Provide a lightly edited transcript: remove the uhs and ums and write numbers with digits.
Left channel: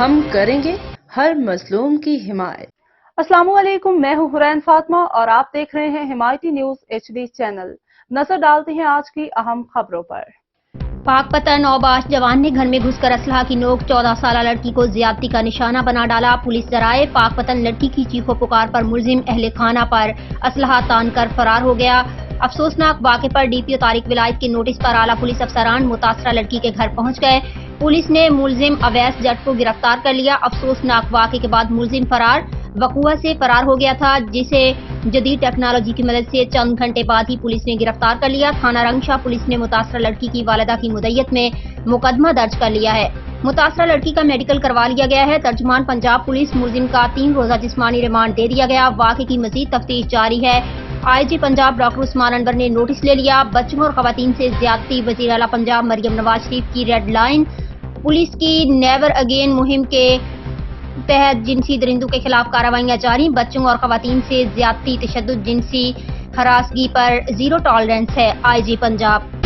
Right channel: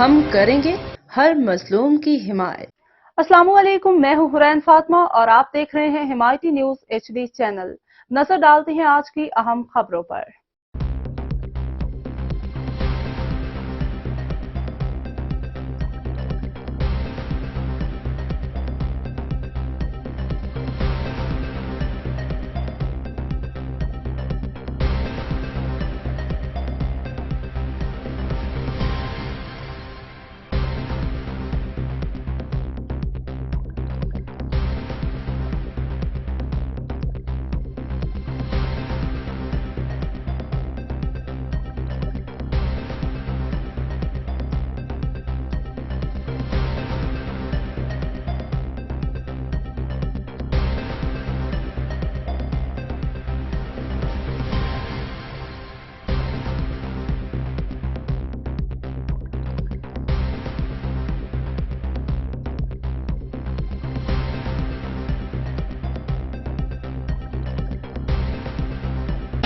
ہم کریں گے ہر مظلوم کی حمایت۔ السلام علیکم، میں ہوں حرین فاطمہ اور آپ دیکھ رہے ہیں حمایتی نیوز HD چینل۔ نظر ڈالتے ہیں آج کی اہم خبروں پر۔ پاک پتن اوباش جوان نے گھر میں گھس کر اسلحہ کی نوک 14 سالہ لڑکی کو زیادتی کا نشانہ بنا ڈالا۔ پولیس ذرائع پاک پتن لڑکی کی چیخ و پکار پر ملزم اہل خانہ پر اسلحہ تان کر فرار ہو گیا۔ افسوسناک واقعے پر DPO طارق ولایت کے نوٹس پر اعلیٰ پولیس افسران متاثرہ لڑکی کے گھر پہنچ گئے۔ پولیس نے ملزم اویس جٹ کو گرفتار کر لیا۔ افسوسناک واقعے کے بعد ملزم فرار وقوع سے فرار ہو گیا تھا، جسے جدید ٹیکنالوجی کی مدد سے چند گھنٹے بعد ہی پولیس نے گرفتار کر لیا۔ تھانہ رنگشاہ پولیس نے متاثرہ لڑکی کی والدہ کی مدعیت میں مقدمہ درج کر لیا ہے۔ متاثرہ لڑکی کا میڈیکل کروا لیا گیا ہے۔ ترجمان پنجاب پولیس ملزم کا 3 روزہ جسمانی ریمانڈ دے دیا گیا۔ واقعے کی مزید تفتیش جاری ہے۔ IG پنجاب ڈاکٹر عثمان انور نے نوٹس لے لیا۔ بچوں اور خواتین سے زیادتی، وزیر اعلیٰ پنجاب مریم نواز شریف کی ریڈ لائن۔ پولیس کی نیور اگین مہم کے تحت جنسی درندوں کے خلاف کارروائیاں جاری۔ بچوں اور خواتین سے زیادتی، تشدد، جنسی ہراسگی پر زیرو ٹالرنس ہے۔ IG پنجاب۔